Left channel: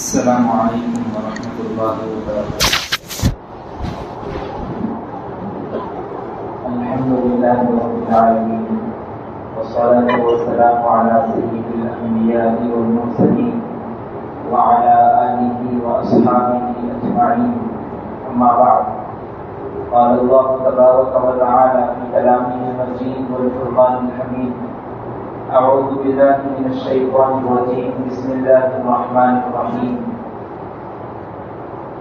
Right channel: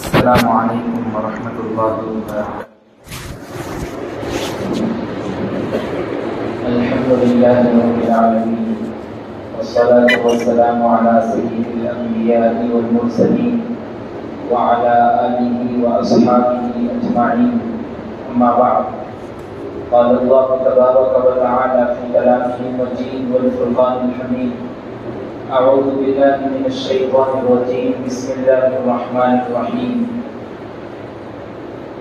السلام علیکم ورحمۃ اللہ وبرکاتہ۔ الحمد للہ رب العالمین والصلاة والسلام علی سید الانبیاء والمرسلین وعلی آلہ واصحابہ اجمعین، اما بعد، قال اللہ تبارک وتعالی فی کلامہ المجید والفرقان الحمید، اعوذ باللہ من الشیطان الرجیم، بسم اللہ الرحمن الرحیم،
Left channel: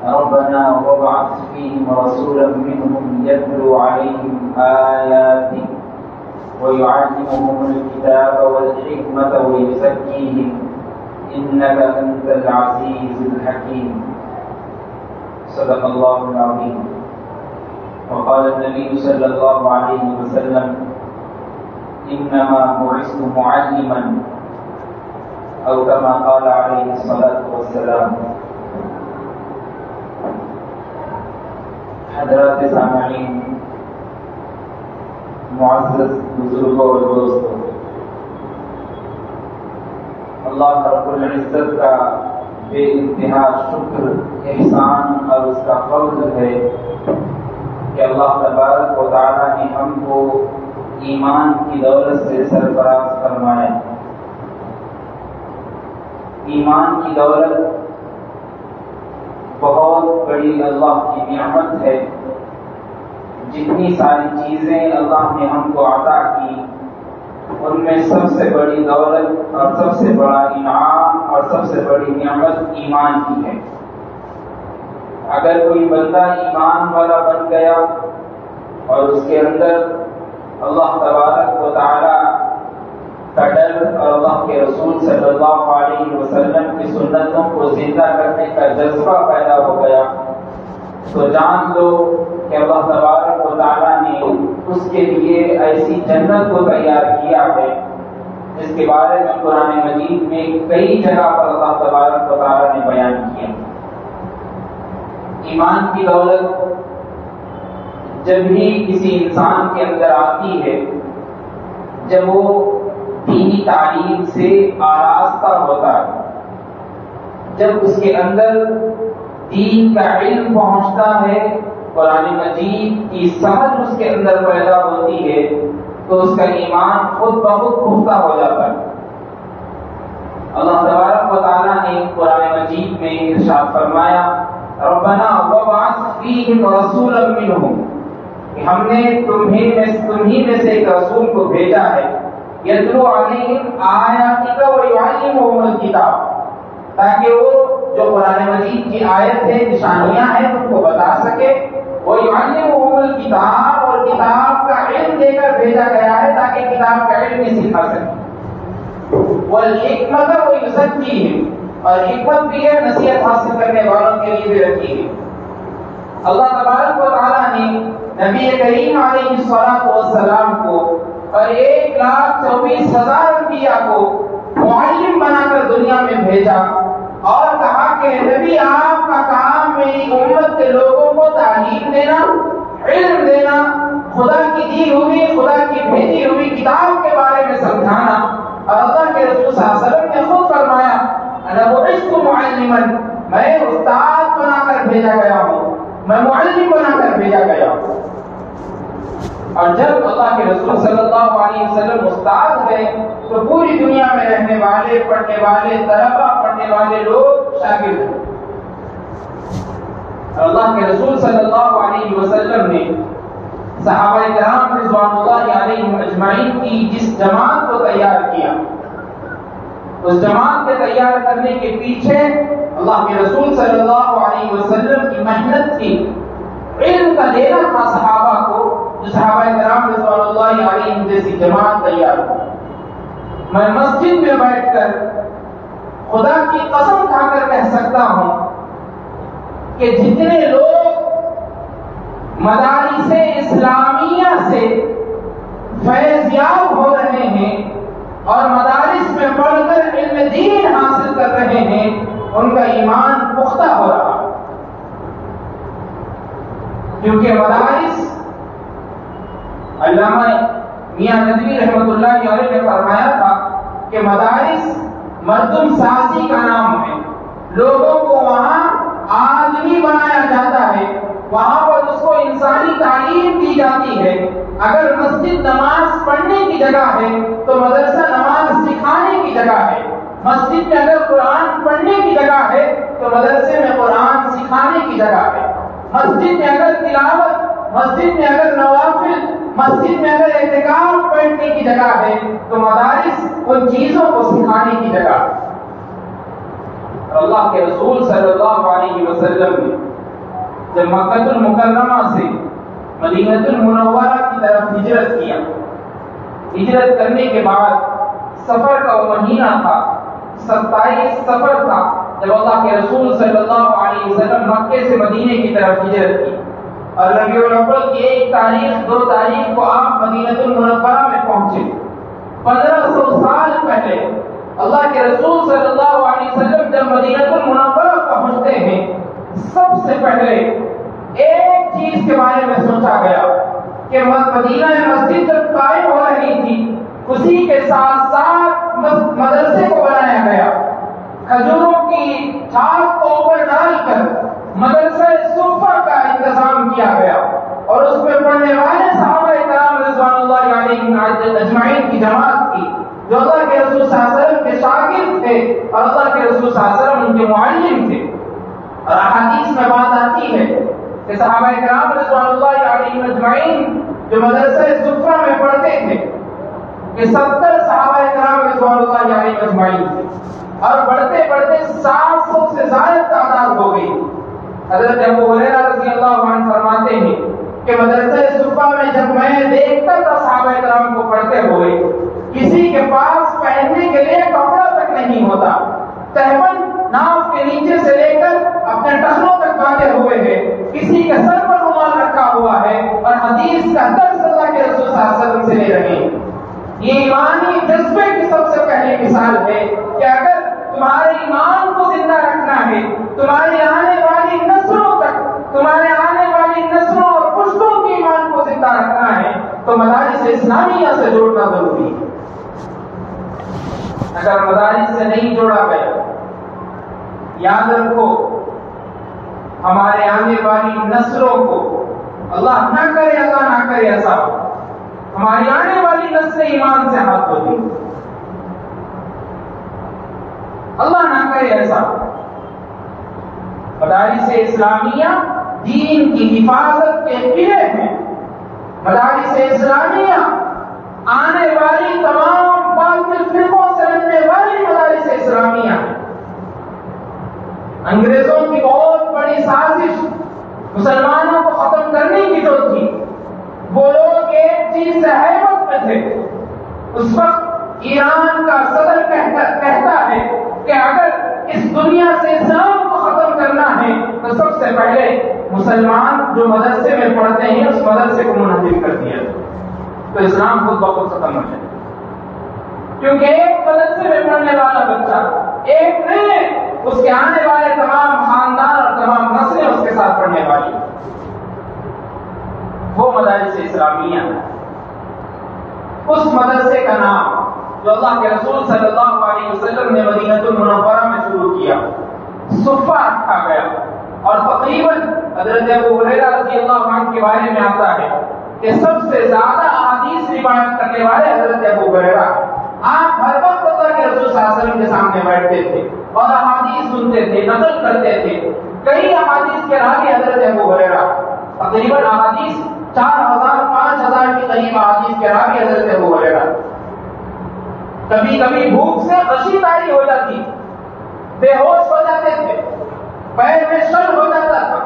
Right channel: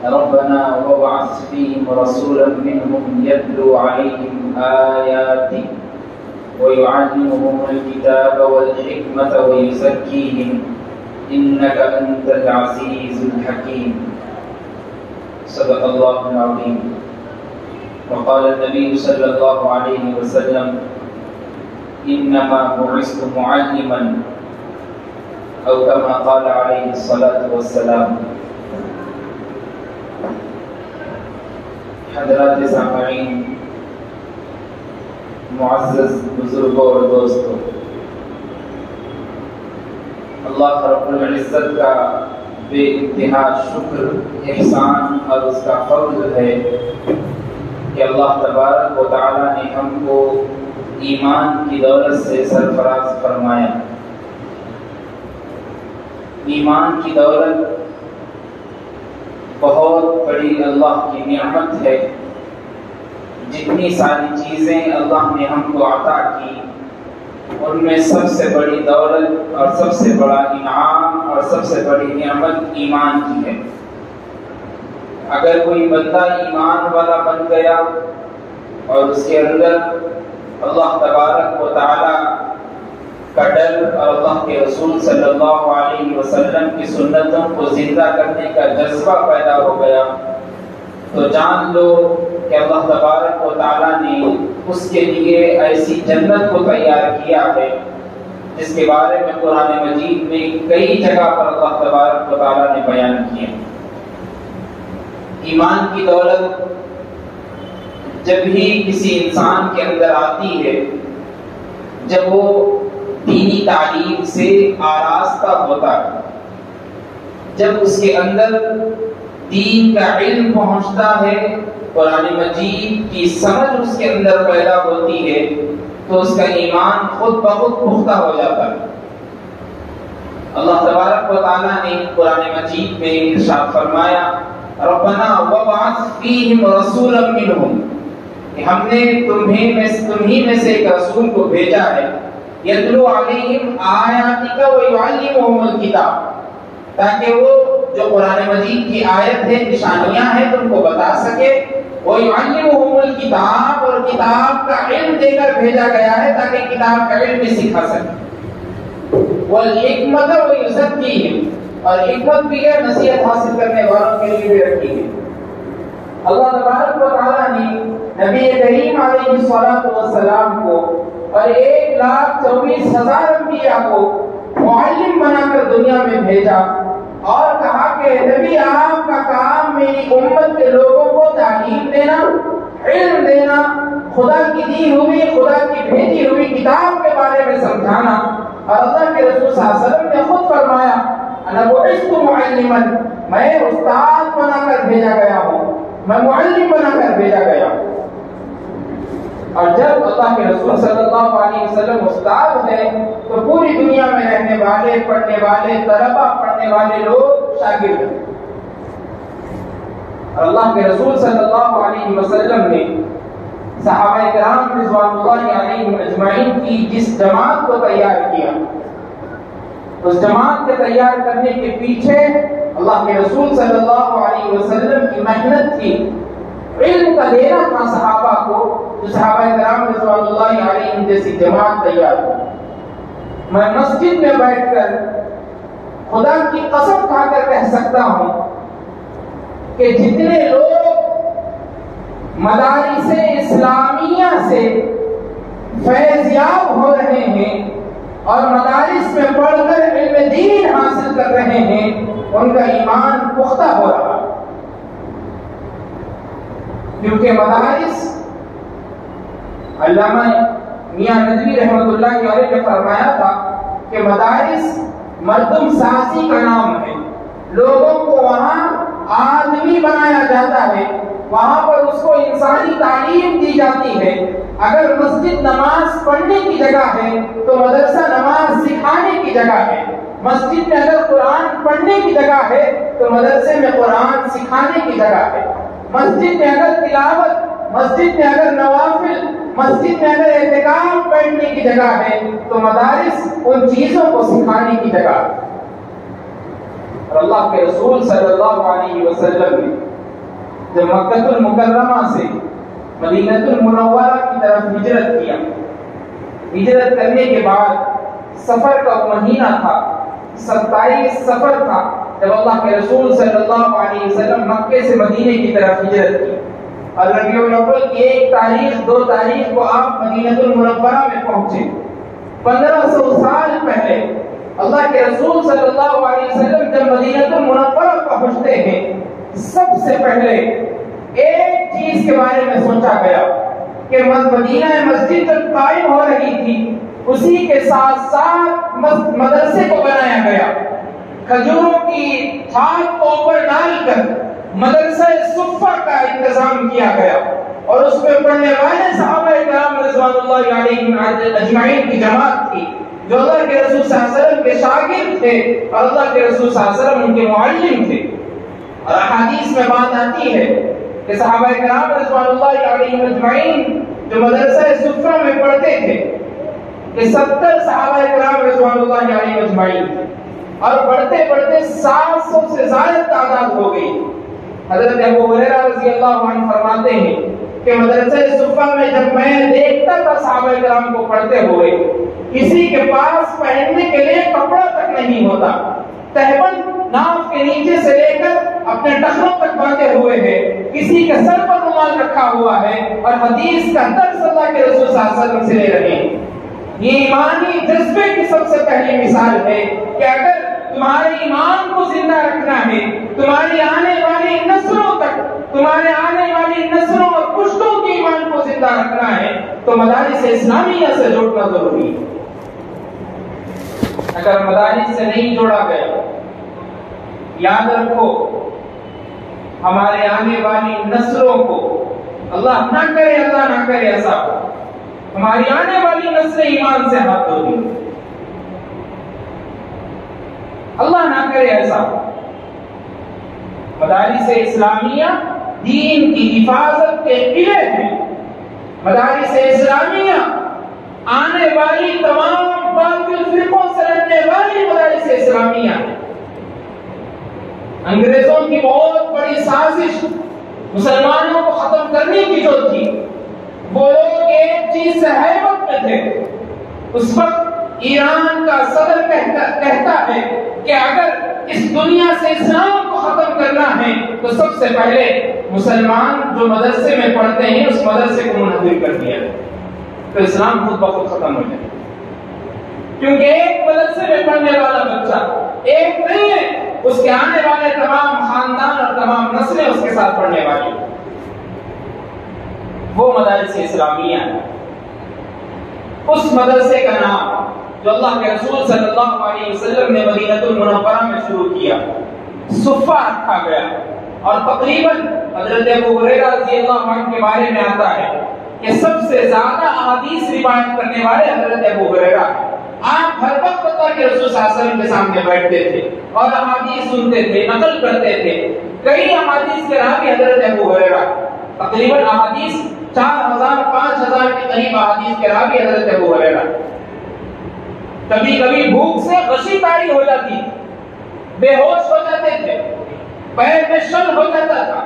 ربنا وابعث فیہم رسولا منہم یتلو علیہم آیاتک ویعلمہم الکتاب والحکمۃ ویزکیہم انک انت العزیز الحکیم۔ صدق اللہ العظیم۔ وقال النبی صلی اللہ علیہ وسلم انما بعثت معلما، او كما قال علیہ الصلاۃ والسلام۔ حضرات سامعین، معزز بزرگوں اور دوستوں، اللہ رب العزت کا بے انتہا شکر، احسان اور اس کا فضل ہے کہ اللہ تبارک و تعالی نے ہم کو ایمان کی دولت سے سرفراز فرمایا۔ ایمان کی دولت بہت بڑی اللہ کی نعمت ہے۔ جتنی ساری چیزیں اللہ نے ہم کو عطا کی، ان میں سب سے بڑی دولت اور سب سے بڑا انعام اور سب سے بڑی نعمت ایمان کی ہے۔ اگر کوئی بندہ ایمان والا بن گیا اور اس کے اندر اللہ تبارک و تعالی کا ڈر اور اللہ کے رسول صلی اللہ علیہ وسلم کی سنتوں کو زندہ کرنے کا جذبہ پیدا ہو گیا، تو جان لو کہ اللہ تبارک و تعالی نے اس کے لیے ایسی جنت کو تیار کیا ہے جس کے بارے میں قرآن مجید میں کئی جگہ پر اللہ تبارک و تعالی نے بیان کیا۔ ایمان کی دولت جب ہی کسی انسان کے اندر آتی ہے، جب وہ دینی تعلیم سے آراستہ ہوتا ہے، جب اس کے اندر دین کا علم پہنچتا ہے، قرآن مجید کی سمجھ اس کے اندر پیدا ہوتی ہے، تو اس کا ایمان خود بخود پختہ ہو جاتا ہے۔ اللہ تبارک و تعالیٰ نے قرآن مجید میں ارشاد فرمایا، ربنا وابعث فیہم رسولا منہم، کہ ہم نے تمہیں میں سے ایک رسول کو بھیجا ہے، یتلو علیہم آیاتک ویعلمہم الکتاب، تاکہ وہ جو قرآن مجید کی آیت ہے، نشانیاں ہیں، ان کو بتا سکے، ویعلمہم الکتاب، اور کتاب کا علم دے کر بھیجا گیا ہے تاکہ کتاب کا علم سکھا سکے، والحکمۃ ویزکیہم، اور حکمت بھی ہے، نصیحت حاصل کرنے والوں کے لیے بھی رکھی ہے۔ اللہ تبارک و تعالیٰ نے نبی کریم علیہ الصلوۃ والسلام کو اور 1,24,000 انبیاء کو معلم بنا کر دنیا میں بھیجا اور کہا کہ نبی، آپ کا کام میری امت کے لوگوں کو تعلیم دینا، علم دینا، خدا کی دی ہوئی، خدا کی بھیجی ہوئی کتاب کے بارے میں سمجھانا۔ اور اللہ کے رسول صلی اللہ علیہ وسلم نے خود فرمایا، انا بعثت معلما، میں استاد بنا کر بھیجا گیا ہوں، میں معلم بنا کر بھیجا گیا ہوں۔ اور جب اللہ کے رسول صلی اللہ علیہ وسلم استاد ہے، تو پوری دنیا میں رہنے والے، پڑھنے والے طلبہ، پڑھنے والے لوگ شاگرد ہیں۔ اور اللہ کے رسول صلی اللہ علیہ وسلم نے صحابہ کرام رضوان اللہ علیہم اجمعین کی جس جماعت کو تیار کیا، اس جماعت کے تیار کرنے کے پیچھے اللہ کے رسول صلی اللہ علیہ وسلم کی محنت تھی، علم کا دینا تھا صحابہ کو، جو صحابہ کرام رضوان اللہ علیہم جیسی جماعت تیار ہو۔ میں مسجد میں بیٹھ کر خدا کی قسم کھا کر کہہ سکتا ہوں کہ جتنے لوگ مدارس اسلامیہ سے فیض یاب ہو رہے ہیں اور مدارس میں پڑھ کر علم دین حاصل کر رہے ہیں، ان کا ایمان پختہ ہو رہا، کیونکہ مدارس، علامہ میاں ندوی رحمۃ اللہ علیہ نے فرمایا تھا کہ مدارس مردم سازی کا نام ہے، لوگوں کو وہاں آدمی بنایا جاتا ہے، وہاں پر اس کو انسانی تعلیم دی جاتی ہے۔ اگر مسجد نماز پڑھنے کی جگہ ہے تو مدرسہ نماز سکھانے کی جگہ ہے، مسجد میں اگر قرآن پڑھنے کی جگہ ہے تو مدرسے میں قرآن سکھانے کی جگہ ہے، مسجد میں اگر تلاوت، مسجد میں اگر نوافل، مسجد میں اگر اعتکاف بیٹھنے کی جگہ ہے تو مدارس ان چیزوں کو سکھانے کی جگہ ہے۔ اور اللہ کے رسول صلی اللہ علیہ وسلم نے جب مکہ المکرمہ سے مدینہ المنورہ کی طرف ہجرت کیا، ہجرت کرنے کے بعد سفر کا وہ مہینہ تھا، 27 سفر تھا، جب اللہ کے رسول صلی اللہ علیہ وسلم مکے سے مدینے کی طرف ہجرت کی، اور ربیع الاول کی 1 تاریخ 2 تاریخ کو آپ مدینہ المنورہ میں پہنچے۔ 1500 سال پہلے اللہ کے رسول صلی اللہ علیہ وسلم جب مدینہ المنورہ پہنچتے ہیں، سب سے پہلے ایک چیز کے بارے میں سوچا گیا کہ مدینہ مسجد جب قائم ہو رہی تھی، اسی کے ساتھ ساتھ مدرسے کو بنایا گیا، کھجوروں کی چھات کو اوپر ڈال کر مدرسہ صفہ کا انتظام کیا گیا، اور اس میں پڑھنے والے صحابہ کرام رضوان اللہ علیہم اجمعین کی جماعت تھی، جو اللہ کے رسول صلی اللہ علیہ وسلم کے شاگرد تھے اور اللہ کے رسول صلی اللہ علیہ وسلم ان کے معلم تھے۔ اور احادیث میں بات آتی ہے کہ صحابہ کرام رضوان اللہ علیہم اجمعین جو مدرسہ صفہ میں پڑھتے تھے، کہ 70 صحابہ کرام رضوان اللہ علیہم اجمعین تھے، اور بڑھتے بڑھتے 700 سے زیادہ تعداد ہو گئی۔ حضرت ابو ہریرہ رضی اللہ عنہ فرماتے ہیں کہ مدرسہ صفہ میں جب میں دیکھتا تھا صحابہ کرام کو پڑھتے ہوئے، کسی کے پاس پہننے کے لیے کپڑا تک نہیں ہوتا، تہبند ناف کے نیچے سے لے کر اپنے ٹخنوں تک باندھے ہوئے ہیں، کسی کے سر پر رومال رکھا ہوا ہے، اور حدیث کا درس اللہ کے رسول صلی اللہ علیہ وسلم سے لے رہے ہیں۔ یہ ایمانی جذبے کی سب سے پہلی مثال ہے کہ اگر تمہارے ایمان کو زندہ رکھنا ہے، تمہاری آنے والی نسلوں تک، تمہارے آنے والی نسلوں اور پشتوں کے ایمان کو زندہ رکھنا ہے تو مدارس اسلامیہ سے جوڑنا ضروری ہے۔ اگر مدارس سے نہیں جوڑا گیا، یاد رکھو ہمارے آنے والی نسلوں کو، اللہ نہ کرے ایسا، ہماری آنے والی نسل ایمان سے ہاتھ دھوتی، اللہ نہ کرے ایسا۔ مدارس اسلامیہ دین کی حفاظت کے قلعے ہیں، مدارس اسلامیہ آنے والی تمام باطل فرقوں سے لڑنے والی مدارس اسلامیہ ہیں۔ انگریزوں کی بہت بڑی سازش مسلمانوں کو ختم کرنے کی جو تھی، وہ لوگ ایک چیز سے حیرت میں تھے۔ اس وقت ایران کا صدر کہتا ہے کہ اگر اس دنیا سے اسلام کو ختم کرنا ہے تو سب سے پہلے مسلمان جو مدرسے میں پڑھتے ہیں اس مدرسے کو منہدم کر دیا تو اسلام خود بخود ختم ہو جائے، کیونکہ ایک مدرسے میں پڑھنے والا بچہ ایک نہیں ہے، اس کے آنے والے تمام خاندان اور تمام نسلیں اس کے ساتھ پڑھنے والی، وہ مدارس اسلامیہ۔ اس مدرسے کا نام جو اللہ کے رسول صلی اللہ علیہ وسلم نے مدینہ المنورہ میں شروع کیا، صفہ رکھا گیا، اور تقریباً حضرت ابو ہریرہ رضی اللہ عنہ کے بارے میں آتا ہے کہ سب سے زیادہ احادیث روایت کرنے والے حضرت ابو ہریرہ، آپ ہر وقت اللہ کے رسول صلی اللہ علیہ وسلم کے سامنے بیٹھتے تھے اور احادیث سنتے تھے، نقل کرتے تھے۔ کئی احادیث کے راوی حضرت ابو ہریرہ، تقریباً احادیث 4000 5000 کے قریب احادیث کے راوی حضرت ابو ہریرہ۔ کبھی کبھی بھوک سے غشی طاری ہو جاتی، بے ہوش ہو جاتے تھے، پیر میں شل ہو جاتا تھا،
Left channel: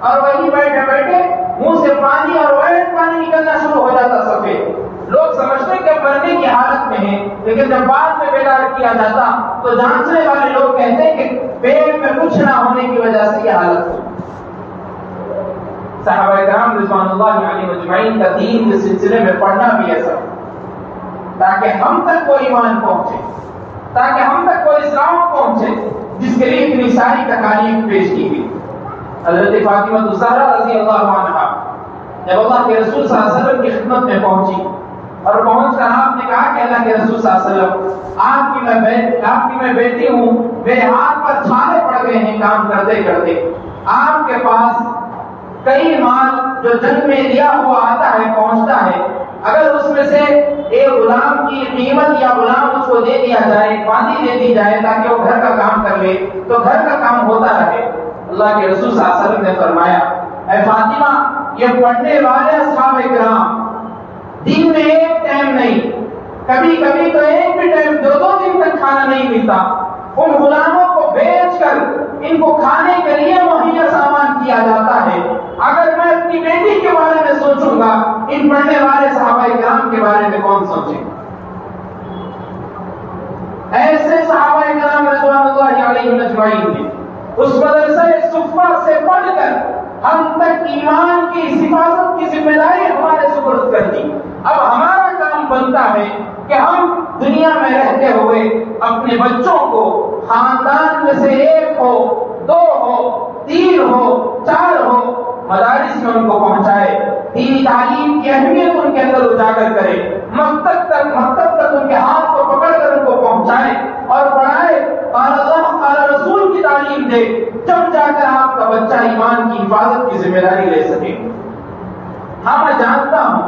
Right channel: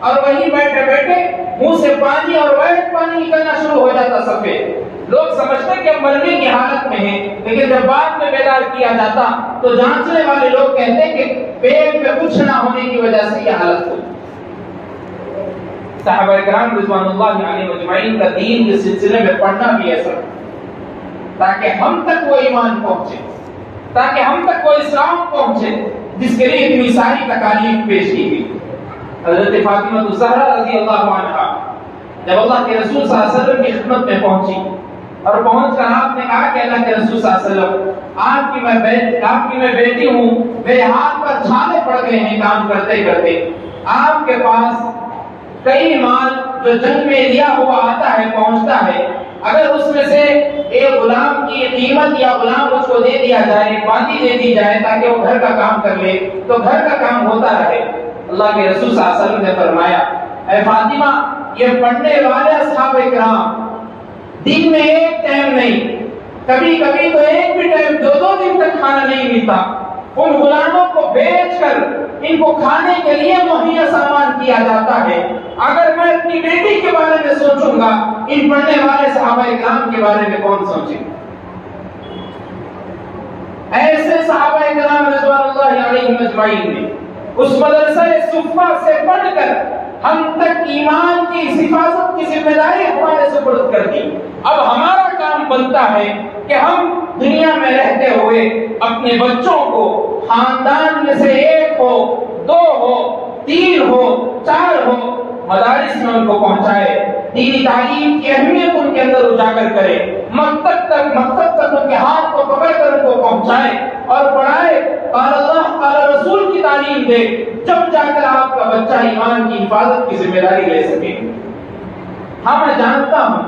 اور وہیں بیٹھے بیٹھے منہ سے پانی اور ویٹ پانی نکلنا شروع ہو جاتا سفید۔ لوگ سمجھتے کہ اب مرنے کی حالت میں ہیں، لیکن جب بعد میں بیدار کیا جاتا تو جانچنے والے لوگ کہتے کہ پیٹ میں کچھ نہ ہونے کی وجہ سے یہ حالت ہوئی۔ صحابہ کرام رضوان اللہ علیہ اجمعین کا دین کے سلسلے میں پڑھنا بھی ایسا تاکہ ہم تک وہ ایمان پہنچے، تاکہ ہم تک وہ اسلام پہنچے جس کے لیے اتنی ساری تکالیف پیش کی گئی۔ حضرت فاطمہ الزہرا رضی اللہ عنہا جب اللہ کے رسول صلی اللہ علیہ وسلم کی خدمت میں پہنچی اور پہنچ کر آپ نے کہا کہ اللہ کے رسول صلی اللہ علیہ وسلم آپ کی میں بیٹی ہوں، میرے ہاتھ پر چھالے پڑ گئے ہیں کام کرتے کرتے، آپ کے پاس کئی مال جو جنگ میں لیا ہوا آتا ہے پہنچتا ہے، اگر اس میں سے ایک غلام کی قیمت یا غلام اس کو دے دیا جائے، باندھی دے دی جائے تاکہ وہ گھر کا کام کر لے تو گھر کا کام ہوتا رہے۔ اللہ کے رسول صلی اللہ علیہ وسلم نے فرمایا اے فاطمہ، یہ پڑھنے والے اصحاب کرام دن میں ایک ٹائم نہیں، کبھی کبھی تو ایک بھی ٹائم 2 دن تک کھانا نہیں ملتا، ان غلاموں کو بیچ کر ان کو کھانے کے لیے مہیا سامان کیا جاتا ہے۔ اگر میں اپنی بیٹی کے بارے میں سوچوں گا، ان پڑھنے والے صحابہ کرام کے بارے میں کون سوچے؟ ایسے صحابہ کرام رضوان اللہ علیہم اجمعین نے اس مدرسہ صفہ سے پڑھ کر ہم تک ایمان کی حفاظت کی ذمہ داری ہمارے سپرد کر دی۔ اب ہمارا کام بنتا ہے کہ ہم دنیا میں رہتے ہوئے اپنے بچوں کو خاندان میں سے 1 ہو، 2 ہو، 3 ہو، 4 ہو، مدارس میں ان کو پہنچائے، دینی تعلیم کی اہمیت ان کے اندر اجاگر کرے، مکتب تک ان کے ہاتھ کو پکڑ کر ان کو پہنچائے اور پڑھائے، قال اللہ قال رسول کی تعلیم دے، جب جا کر آپ کا بچہ ایمان کی حفاظت کی ذمہ داری لے سکے۔ ہاں میں جانتا ہوں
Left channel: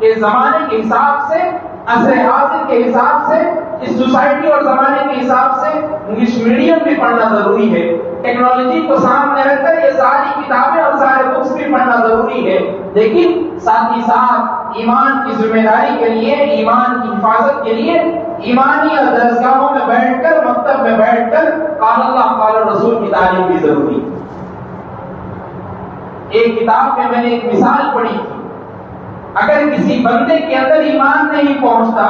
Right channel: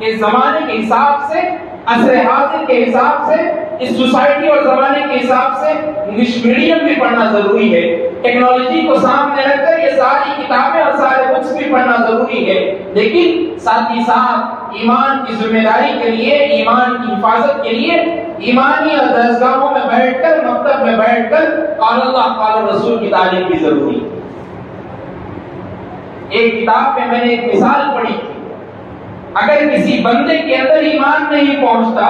کہ زمانے کے حساب سے، عصر حاضر کے حساب سے، اس سوسائٹی اور زمانے کے حساب سے انگلش میڈیم بھی پڑھنا ضروری ہے، ٹیکنالوجی کو سامنے رکھ کر یہ ساری کتابیں اور سارے بکس بھی پڑھنا ضروری ہے، لیکن ساتھ ہی ساتھ ایمان کی ذمہ داری کے لیے، ایمان کی حفاظت کے لیے ایمانی درسگاہوں میں بیٹھ کر، مکتب میں بیٹھ کر قال اللہ قال رسول کی تعلیم بھی ضروری ہے۔ ایک کتاب میں نے ایک مثال پڑھی تھی، اگر کسی بندے کے اندر ایمان نہیں پہنچتا،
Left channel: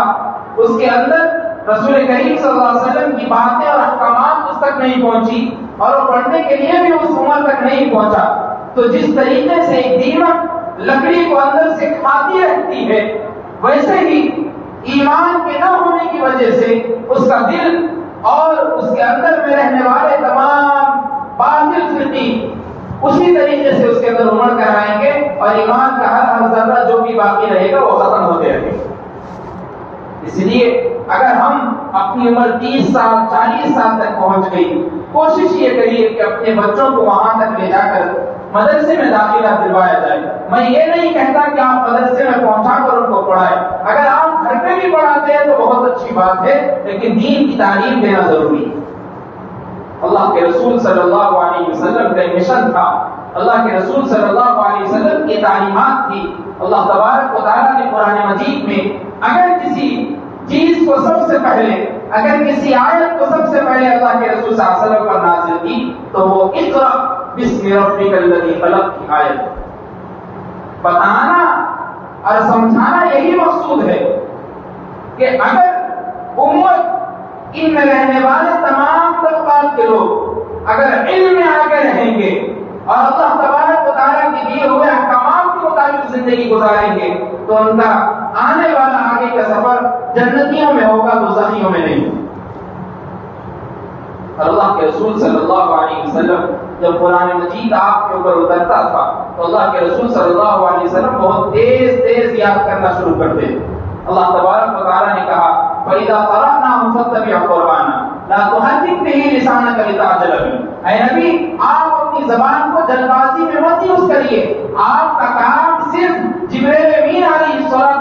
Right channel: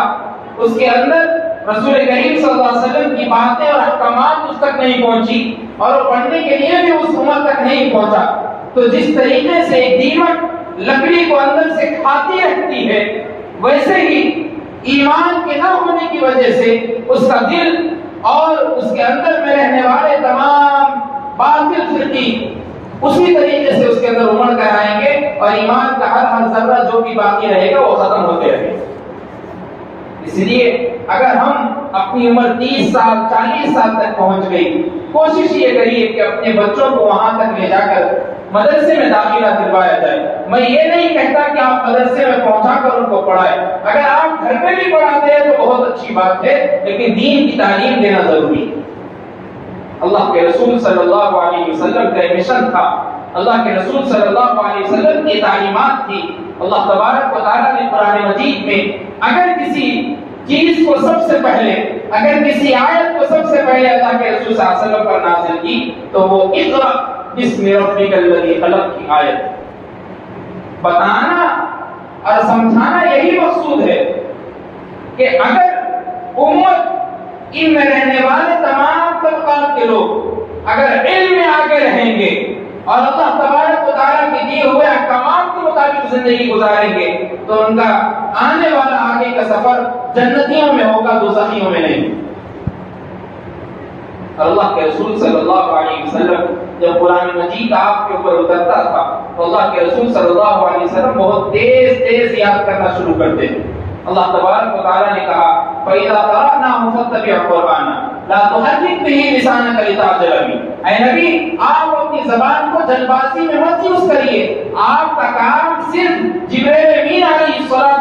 اس کے اندر رسول کریم صلی اللہ علیہ وسلم کی باتیں اور احکامات اس تک نہیں پہنچی اور وہ پڑھنے کے لیے بھی اس عمر تک نہیں پہنچا، تو جس طریقے سے ایک دیمک لکڑی کو اندر سے کھاتی رکھتی ہے، ویسے ہی ایمان کے نہ ہونے کی وجہ سے اس کا دل اور اس کے اندر میں رہنے والے تمام باطل فرقی اسی طریقے سے اس کے اندر امڑ کر آئیں گے اور ایمان کا ہر ذرہ جو بھی باقی رہے گا وہ ختم ہوتے رہے گا۔ اس لیے اگر ہم اپنی عمر 30 سال 40 سال تک پہنچ گئی، کوشش یہ کریے کہ اپنے بچوں کو وہاں تک لے جا کر مدرسے میں داخلہ دلوایا جائے۔ میں یہ نہیں کہتا کہ آپ مدرسے میں پہنچا کر ان کو پڑھائیں، اگر آپ گھر میں بھی پڑھاتے ہیں تو بہت اچھی بات ہے، لیکن دین کی تعلیم دینا ضروری ہے۔ اللہ کے رسول صلی اللہ علیہ وسلم کا مشن تھا، اللہ کے رسول صلی اللہ علیہ وسلم کی تعلیمات تھی۔ اللہ تبارک و تعالیٰ نے قرآن مجید میں اگر کسی چیز کو سب سے پہلے، اگر کسی آیت کو سب سے پہلے اللہ کے رسول صلی اللہ علیہ وسلم پر نازل کی تو وہ اقرأ بسم ربک الذی خلق کی آیت۔ بتانا اور سمجھانا یہی مقصود ہے کہ اگر امت ان میں رہنے والے تمام طبقات کے لوگ اگر علم میں آگے رہیں گے اور اللہ تبارک و تعالیٰ کے دیے ہوئے احکامات کے مطابق زندگی گزاریں گے تو ان کا آنے والا آگے کا سفر جنتیوں میں ہوگا، دوزخیوں میں نہیں۔ اور اللہ کے رسول صلی اللہ علیہ وسلم جب قرآن مجید آپ کے اوپر اترتا تھا تو اللہ کے رسول صلی اللہ علیہ وسلم بہت تیز یاد کرنا شروع کرتے تھے۔ اللہ تبارک و تعالیٰ نے کہا فَإِذَا قَرَأْنَاهُ فَاتَّبِعْ قُرْآنَهُ لَا تُحَرِّكْ بِهِ لِسَانَكَ لِتَعْجَلَ بِهِ۔ اے نبی، آپ اپنی زبان کو جلد بازی میں مت یوز کریے، آپ کا کام صرف جبرائیل امین علیہ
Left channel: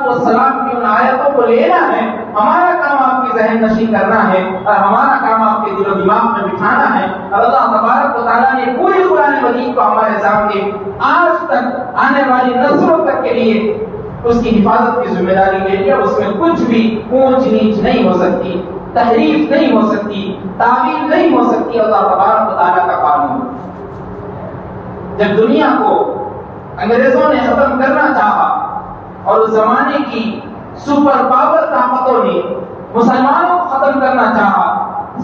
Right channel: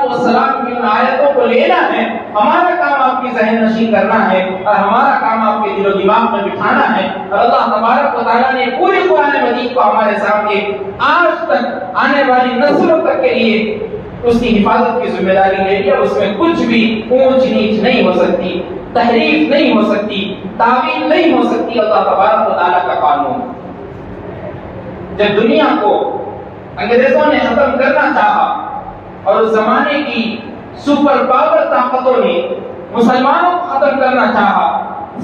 السلام کی ان آیتوں کو لینا ہے، ہمارا کام آپ کی ذہن نشین کرنا ہے اور ہمارا کام آپ کے دل و دماغ میں بٹھانا ہے۔ اور اللہ تبارک و تعالیٰ نے پوری قرآن مجید کو ہمارے سامنے آج تک آنے والی نسلوں تک کے لیے اس کی حفاظت کی ذمہ داری لے لیا۔ اس میں کچھ بھی اونچ نیچ نہیں ہو سکتی، تحریف نہیں ہو سکتی، تعویل نہیں ہو سکتی۔ اللہ تبارک و تعالیٰ کا قانون جب دنیا کو انگریزوں نے ختم کرنا چاہا اور اس زمانے کی سپر پاور طاقتوں نے مسلمانوں کو ختم کرنا چاہا،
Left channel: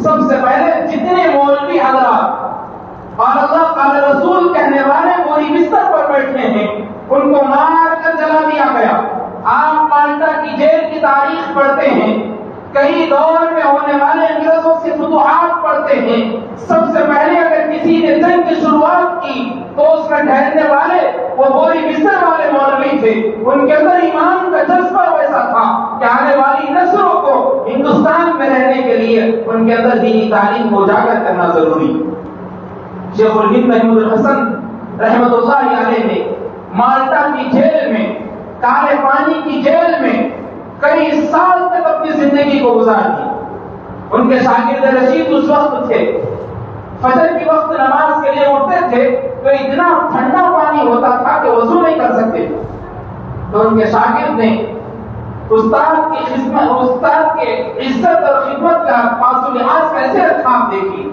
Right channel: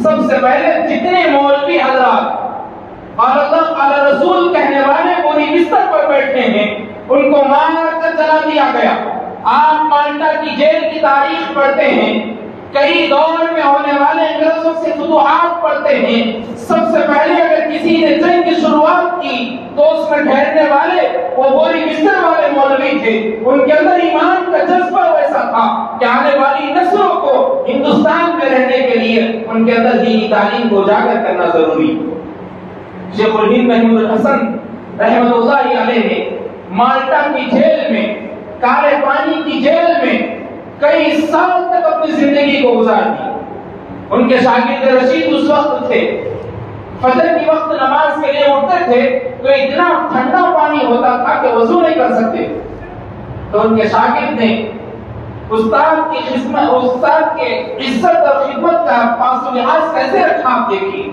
سب سے پہلے جتنے مولوی حضرات قال اللہ قال رسول کہنے والے پوری بستر پر بیٹھے ہیں ان کو مار کر جلا دیا گیا۔ آپ مالٹا کی جیل کی تاریخ پڑھتے ہیں، کئی دور میں ہونے والے انگریزوں سے فتوحات پڑھتے ہیں، سب سے پہلے اگر کسی نے جنگ کی شروعات کی تو اس میں ٹھہرنے والے وہ بوری بستر والے مولوی تھے، ان کے اندر ایمان کا جذبہ ویسا تھا کہ آنے والی نسلوں کو ہندوستان میں رہنے کے لیے ان کے اندر دینی تعلیم کو اجاگر کرنا ضروری۔ شیخ الہند محمود الحسن رحمۃ اللہ علیہ نے مالٹا کی جیل میں، کالے پانی کی جیل میں کئی سال تک اپنی زندگی کو گزار دی۔ ان کے شاگرد رشید اس وقت تھے، فجر کی وقت نماز کے لیے اٹھتے تھے تو اتنا ٹھنڈا پانی ہوتا تھا کہ وضو نہیں کر سکتے، تو ان کے شاگرد نے استاد کی خدمت، استاد کے عزت اور خدمت کا پاس و لحاظ کیسے رکھا آپ دیکھیے،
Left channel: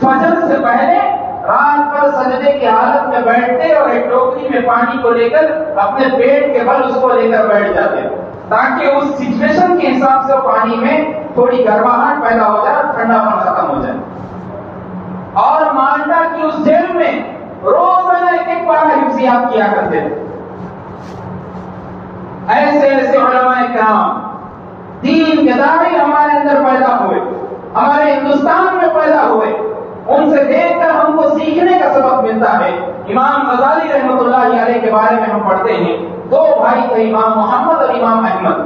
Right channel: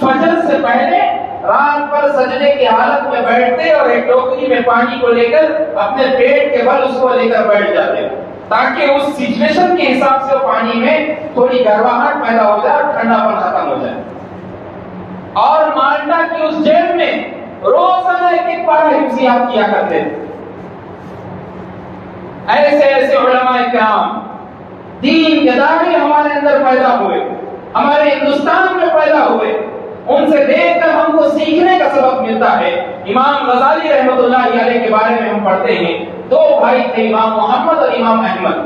فجر سے پہلے رات پر سجدے کی حالت میں بیٹھتے اور ایک ٹوکری میں پانی کو لے کر اپنے پیٹ کے بل اس کو لے کر بیٹھ جاتے تاکہ اس سچویشن کے حساب سے وہ پانی میں تھوڑی گرماہٹ پیدا ہو جائے اور ٹھنڈا پن ختم ہو جائے۔ اور مالٹا کی اس جیل میں روزانہ ایک پارا حفظیات کیا کرتے تھے۔ ایسے ایسے علماء کرام، دین کے داعی ہمارے اندر پیدا ہوئے، ہمارے ہندوستان میں پیدا ہوئے، ان سے دیکھ کر ہم کو سیکھنے کا سبق ملتا ہے۔ امام غزالی رحمۃ اللہ علیہ کے بارے میں ہم پڑھتے ہیں، دو بھائی تھے، امام محمد اور امام احمد۔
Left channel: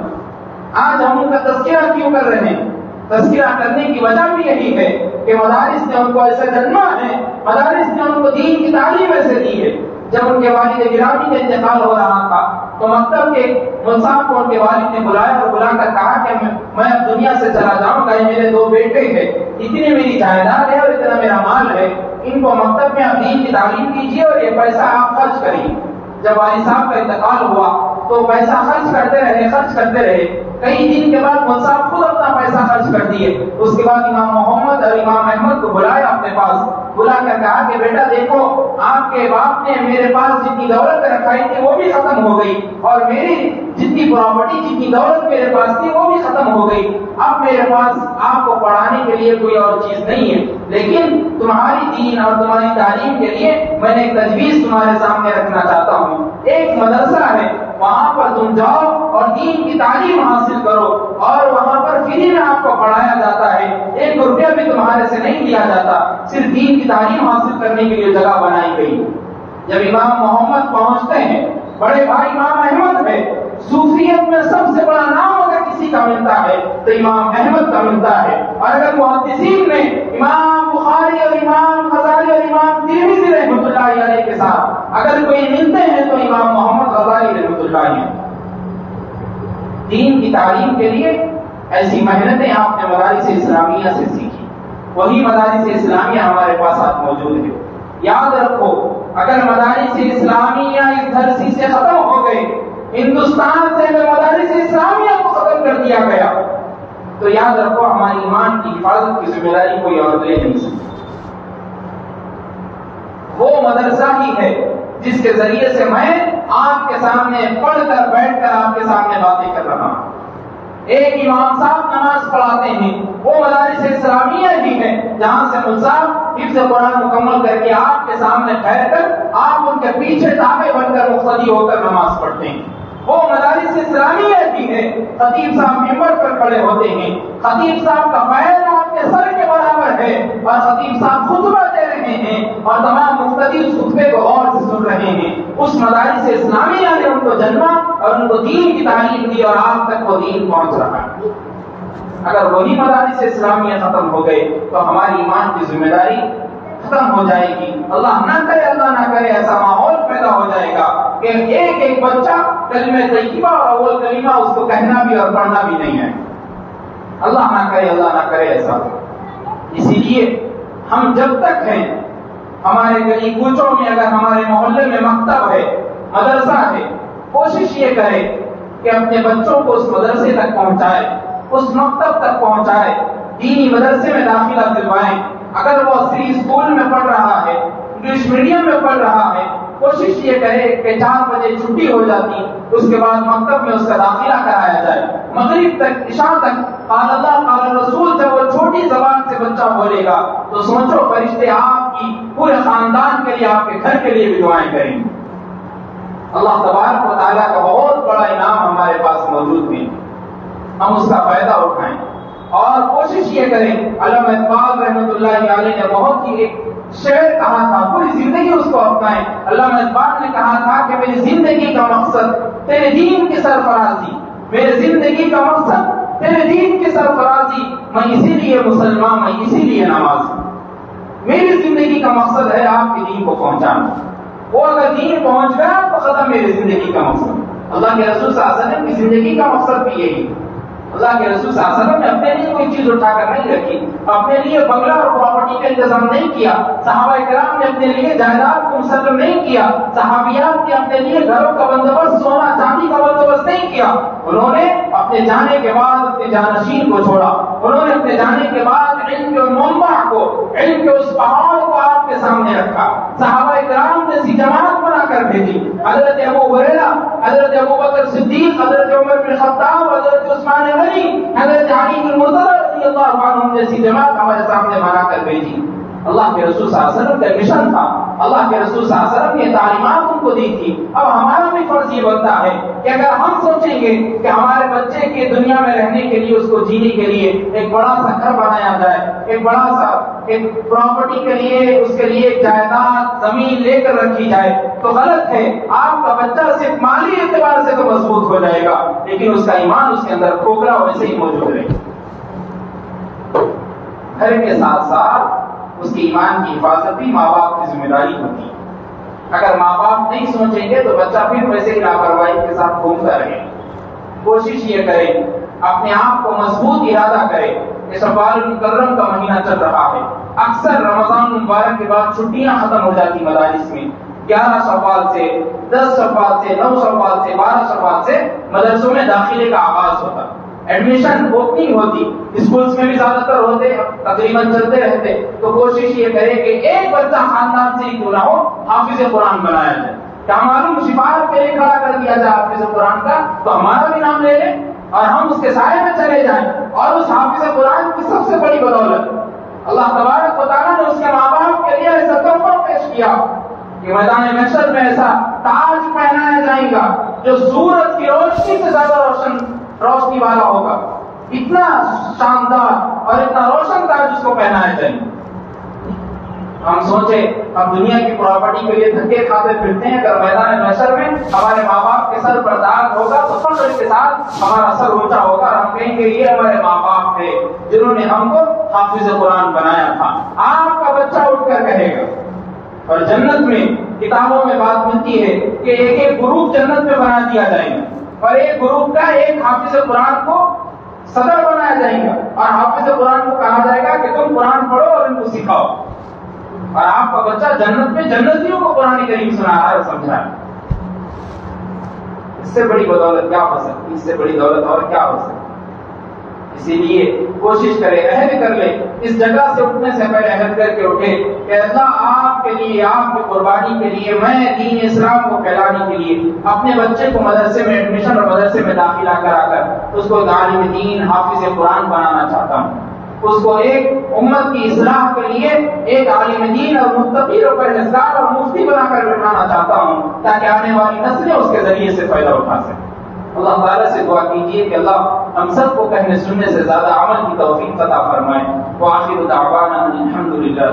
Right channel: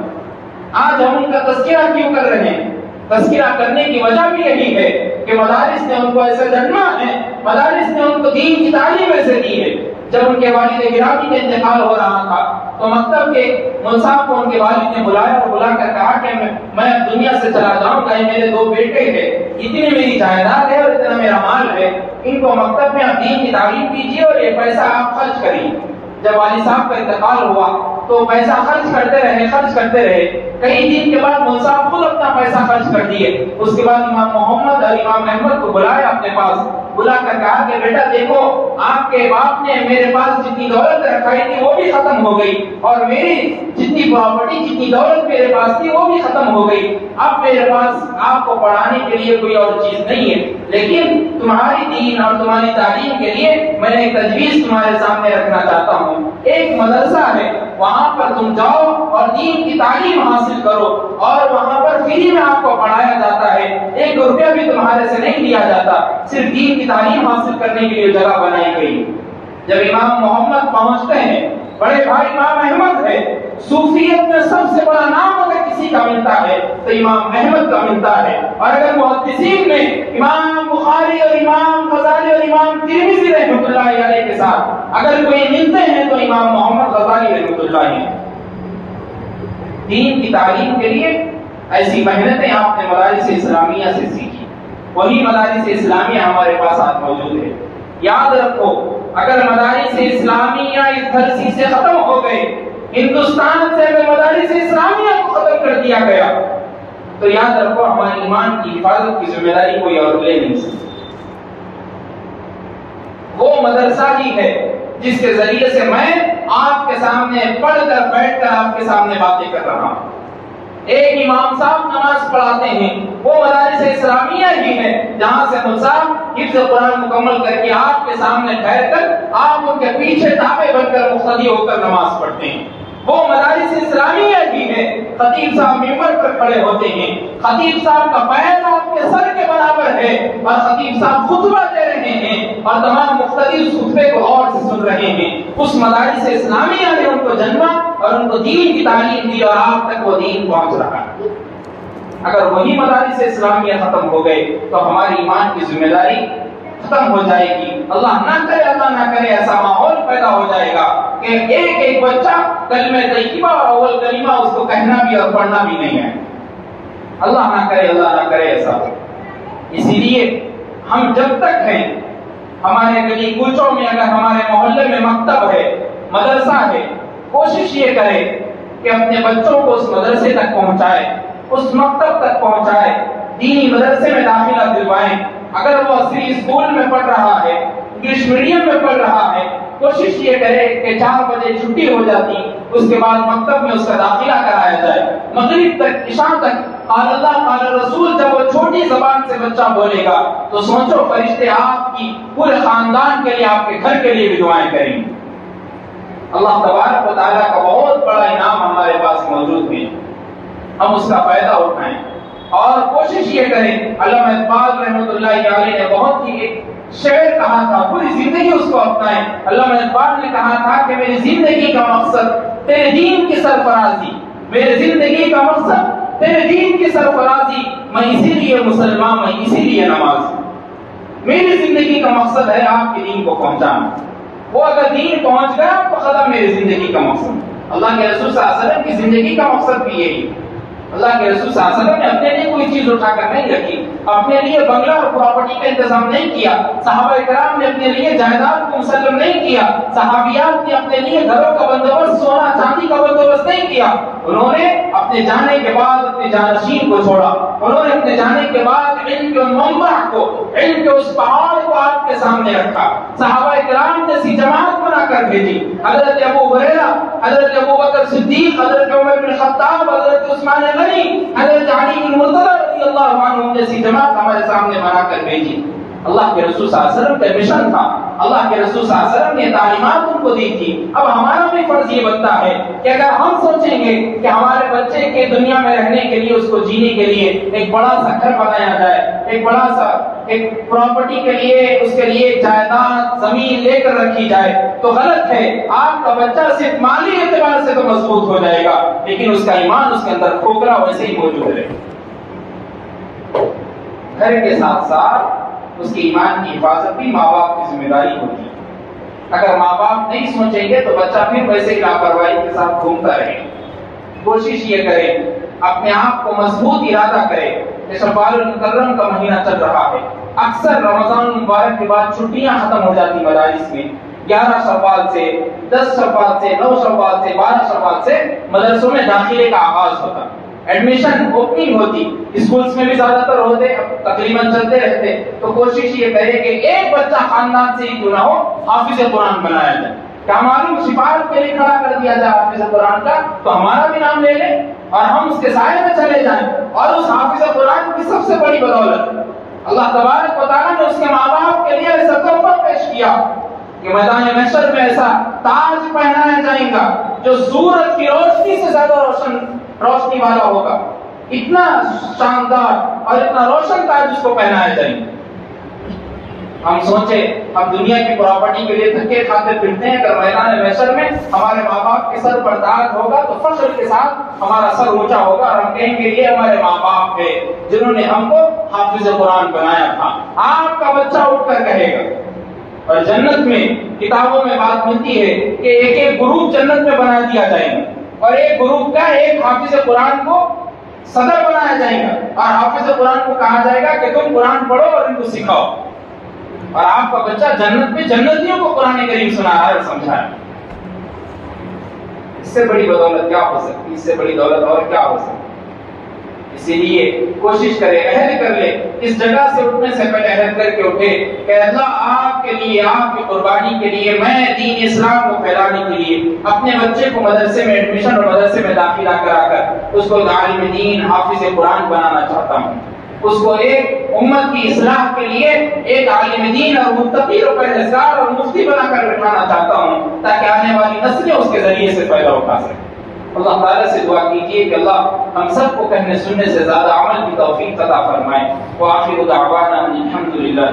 آج ہم ان کا تذکرہ کیوں کر رہے ہیں؟ تذکرہ کرنے کی وجہ بھی یہی ہے کہ مدارس نے ان کو ایسے جنما ہے، مدارس نے ان کو دین کی تعلیم ایسے دی ہے۔ جب ان کے والد گرامی کا انتقال ہو رہا تھا تو مکتب کے مصعب کو ان کے والد نے بلایا اور بلا کر کہا کہ میں اب دنیا سے چلا جاؤں گا، میرے دو بیٹے ہیں، اتنی میری جائیداد ہے اور اتنا میرا مال ہے، ان کو مکتب میں آپ دین کی تعلیم دیجیے اور یہ پیسہ آپ خرچ کریے۔ جب والد صاحب کا انتقال ہوا تو پیسہ خرچ کرتے رہے، کئی دن کے بعد مول صاحب خود اپنا پیسہ خرچ کر دیے۔ اس کے بعد امام محمد اور امام احمد کو بلایا اپنے پاس، بلا کر کہا کہ بیٹا دیکھو، آپ کے باپ نے میرے پاس جتنی دولت رکھائی تھی وہ بھی ختم ہو گئی، اور میری جتنی پراپرٹی، جتنی دولت میرے پاس تھی وہ بھی ختم ہو گئی۔ اب میرے پاس آپ کو پڑھانے کے لیے کوئی اور چیز نہیں ہے، لیکن تمہاری دین اور تمہاری تعلیم کے لیے میں ایک تجویز تمہارے سامنے رکھنا چاہتا ہوں۔ ایک مدرسہ ہے، وہاں پر تم جاؤ اور دین کی تعلیم حاصل کرو، اور وہاں پر فری میں آپ کو پڑھایا جاتا ہے، 1 روپیہ بھی تمہارے سے نہیں لیا جاتا، صرف دین کی تعلیم حاصل کرنے کے لیے جگہ بنائی گئی۔ جب امام محمد پہنچتے ہیں، بڑے بھائی امام احمد ہے، صوفیت میں سب سے بڑا نام اگر کسی کا ملتا ہے تو امام احمد کا ملتا ہے، اور اگر محدثین میں امام بخاری اور امام غزالی اور امام ترمذی رحمۃ اللہ علیہ کے ساتھ اگر کوئی ملتے ہیں تو امام محمد غزالی رحمۃ اللہ علیہ۔ دین کی تعلیم کے لیے ایسی محنتیں آپ نے مدارس اسلامیہ سے سیکھی، وہی مدارس اسلامیہ ہمارے پاس آج موجود ہے۔ یاد رکھو، اگر مدارس اسلامیہ اس دھرتی سے ختم ہو گئے، ہندوستان سے اگر مدارس اسلامیہ کو ختم کر دیا گیا تو یاد رکھو ہمارے ایمان کی حفاظت کی ذمہ داری کوئی اور لے نہیں سکتا۔ وہ مدرسہ ہی ہے جس کے ذریعے سے میں آپ کے سامنے پڑھ کر بیٹھ کر آپ کے سامنے باتیں کر رہا ہوں۔ ایک امام صاحب نماز پڑھاتے ہیں، وہ مدارس اسلامیہ ہی ہے جہاں سے مصعب حفظ قرآن مکمل کر کے آپ کے سامنے ٹھہر کر آپ ان کے پیچھے تابع بن کر مقتدی ہو کر نماز پڑھتے ہیں۔ وہ مدارس اسلامیہ ہی ہے، خطیب صاحب ممبر پر کھڑے ہوتے ہیں، خطیب صاحب کا پیر آپ کے سر کے برابر ہے اور خطیب صاحب خطبہ دے رہے ہیں اور تمام مقتدی اس خطبے کو غور سے سن رہے ہیں۔ اس مدارس اسلامیہ نے ان کو جنما اور ان کو دین کی تعلیم دی اور آپ تک وہ دین پہنچ رہا ہے۔ اگر وہی مدارس اسلامیہ ختم ہو گئے تو ہماری ایمان کی ذمہ داری ختم ہو جائے گی۔ اللہ نہ کرے ایسا ماحول پیدا ہو جائے گا کہ ایک ایک بچہ کلمہ طیبہ اور اول کلمہ اس کو کہنا بھی اور پڑھنا بھی نہیں ہے۔ اللہ نہ کرے ایسا۔ اسی لیے ہم جب تک ہیں، ہمارے گلی کوچوں میں اگر ہمارے محلے میں مکتب ہے، مدرسہ ہے، کوشش یہ کرے کہ اپنے بچوں کو اس مدرسے تک پہنچائے، اس مکتب تک پہنچائے، دینی مدرسے میں داخلہ دلوائیں۔ اگر وہ عصری اسکول میں پڑھ رہا ہے، انگلش میڈیم میں پڑھ رہا ہے، کوشش یہ کرے کہ 4 بجے چھٹی ہو جاتی، اس کے بعد مکتب میں اس کا داخلہ کرایا جائے، مغرب تک، عشاء تک قال اللہ قال رسول جب وہ چھوٹی زبان سے بچہ بولے گا تو سوچو فرشتے آپ کی پورے خاندان کے لیے، آپ کے گھر کے لیے بھی دعائیں کریں گے۔ اللہ تبارک و تعالیٰ کا بہت بڑا انعام ہمارے پاس موجود ہے، ہم اس کا فائدہ اٹھائیں اور کوشش یہ کریں۔ علامہ اقبال رحمۃ اللہ علیہ نے بہت ہی ایک شعر کہا تھا، پوری زندگی اس کو اپنائے۔ علامہ اقبال نے کہا تھا کہ میری زندگی کا مقصد تیرے دین کی سرفرازی، میری زندگی کا مقصد تیرے دین کی سرفرازی، میں اسی لیے مسلمان، میں اسی لیے نمازی۔ میری زندگی کا مقصد ہے آپ کے دین کو پہنچانا۔ وہ اگر دین پہنچ گیا تو ختم میری زندگی کا مقصد۔ اللہ کے رسول صلی اللہ علیہ وسلم کی زندگی کا مقصد بھی یہی۔ اللہ کے رسول صلی اللہ علیہ وسلم نے اپنے لیے کوئی چیز اٹھا کر نہیں رکھی، اپنے لیے بنگلہ اور پراپرٹی کا انتظام نہیں کیا، صحابہ کرام نے اپنے لیے جائیداد کو مسلم نہیں کیا، صحابیات نے اپنے لیے گھروں کا بندوبست، سونا چاندی کا بندوبست نہیں کیا۔ انہوں نے اپنے جانے کے بعد اپنے جانشین کو چھوڑا، انہوں نے اپنے جانے کے بعد علم کے منبع کو، علم کے اس پہاڑ کو آپ کے سامنے رکھا۔ صحابہ کرام نے سی جماعت بنا کر بھیجی، حضرت ابو ہریرہ، حضرت ابو بکر صدیق، حضرت عمر بن خطاب، حضرت عثمان غنی، حضرت علی بن مرتضی رضی اللہ عنہ جیسی جماعت ہمارے سامنے بنا کر بھیجی۔ اللہ کے رسول صلی اللہ علیہ وسلم کا مشن تھا، اللہ کے رسول صلی اللہ علیہ وسلم نے تعلیمات ان کو دی تھی۔ اب ہمارا بھی فرض یہ بنتا ہے کہ اگر ہم سوچیں گے کہ ہمارے بچے کے دنیا میں رہنے کے لیے، اس کو جینے کے لیے ایک بڑا سا گھر بنایا جائے، ایک بڑا سا ایک پراپرٹی کے لیے، اس کے لیے ایک جائیداد زمین لے کر رکھی جائے، تو غلط ہے۔ آپ کا بچہ صرف مالی اعتبار سے تو مضبوط ہو جائے گا، لیکن اس کا ایمان اس کے اندر کھوکھرا ویسے ہی موجود رہے۔ گھر کے ساتھ ساتھ اس کے ایمان کی حفاظت بھی ماں باپ کی ذمہ داری ہوتی ہے۔ اگر ماں باپ نہیں سوچیں گے تو بچہ پھر ویسے ہی لاپرواہی کے ساتھ گھومتا رہے۔ کوشش یہ کرے، اپنے آپ کو مضبوط ارادہ کرے۔ یہ شوال المکرم کا مہینہ چل رہا ہے، اکثر رمضان مبارک کے بعد چھٹیاں ختم ہو جاتی مدارس میں۔ 11 شوال سے، 10 شوال سے، 9 شوال سے، 12 شوال سے مدرسوں میں داخلے کا آغاز ہوتا، ایڈمیشن اوپننگ ہوتی، اسکولز میں بھی زیادہ تر ہوتے، تقریباً چلتے رہتے۔ تو کوشش یہ کرے کہ ایک بچہ خاندان سے ہی کیوں نہ ہو حافظ قرآن بنایا جائے۔ کیا معلوم سفارت پہ کھڑا کر دیا جائے حافظ قرآن کا، تو ہمارا بھی نام لے لیں اور ہم اس کے سائے میں چلے جائیں۔ اور اس حافظ قرآن کی سب سے بڑی بدولت اللہ تبارک و تعالیٰ نے اس کے ماں باپ کے لیے ایسا تحفہ پیش کیا کہ میدان محشر میں ایسا تاج پہنایا جائے گا جو سورج کی روشنی سے زیادہ روشنی والا ہوگا، اتنا شاندار اور اتنا روشن تاج اس کو پہنایا جائے گا۔ ہم سوچیں ہم دنیا کی پراپرٹی کے لیے دھکے کھاتے پھرتے ہیں، اگر میدان محشر میں ہمارے ماں باپ کے سر پر تاج ہوگا تو فخر کے ساتھ ہمارا سر اونچا ہوگا اور ہم کہیں گے یہ ہمارے ماں باپ تھے جنہوں نے ہم کو حافظ قرآن بنایا تھا۔ آپ کا بچہ اٹھ کر کہے گا۔ اور جنت میں کتابوں میں بات ملتی ہے کہ ایک ایک گروپ جنت میں بنا دیا جائے گا اور ایک گروپ کا ایک حافظ قرآن کو صدر بنایا جائے گا اور حافظ قرآن کو کہا جائے گا کہ تم قرآن پڑھو اور ان کو سکھاؤ، اور آپ کا بچہ جنت میں جنتیوں کو قرآن کریم سنایا اور سمجھایا۔ اس سے بڑی بدولت کیا ہو سکتی، اس سے بڑی دولت اور کیا ہو سکتی؟ اسی لیے کوشش کرے، عہد کر لے، اس جگہ سے اٹھنے سے پہلے عہد کر کے اٹھے کہ اللہ آپ کے لیے، آپ کی قربانی کے لیے، میں دین اسلام کو پھیلانے کے لیے اپنے بچے کو مدرسے میں ایڈمیشن اور مدرسے میں داخلہ کرا کر اس کو عالم دین، حافظ قرآن بنانا چاہتا ہوں، اس کو ایک امت کی اصلاح کے لیے ایک عالم دین اور متقی اور پرہیزگار اور مفتی بنا کر بٹھانا چاہتا ہوں تاکہ آنے والی نسلیں اس کے ذریعے سے فائدہ اٹھا سکیں۔ اللہ تعالیٰ سے دعا کیجیے کہ اللہ ہم سب کو کہنے سننے سے زیادہ عمل کی توفیق عطا فرمائے۔ وآخر دعوانا الحمدللہ۔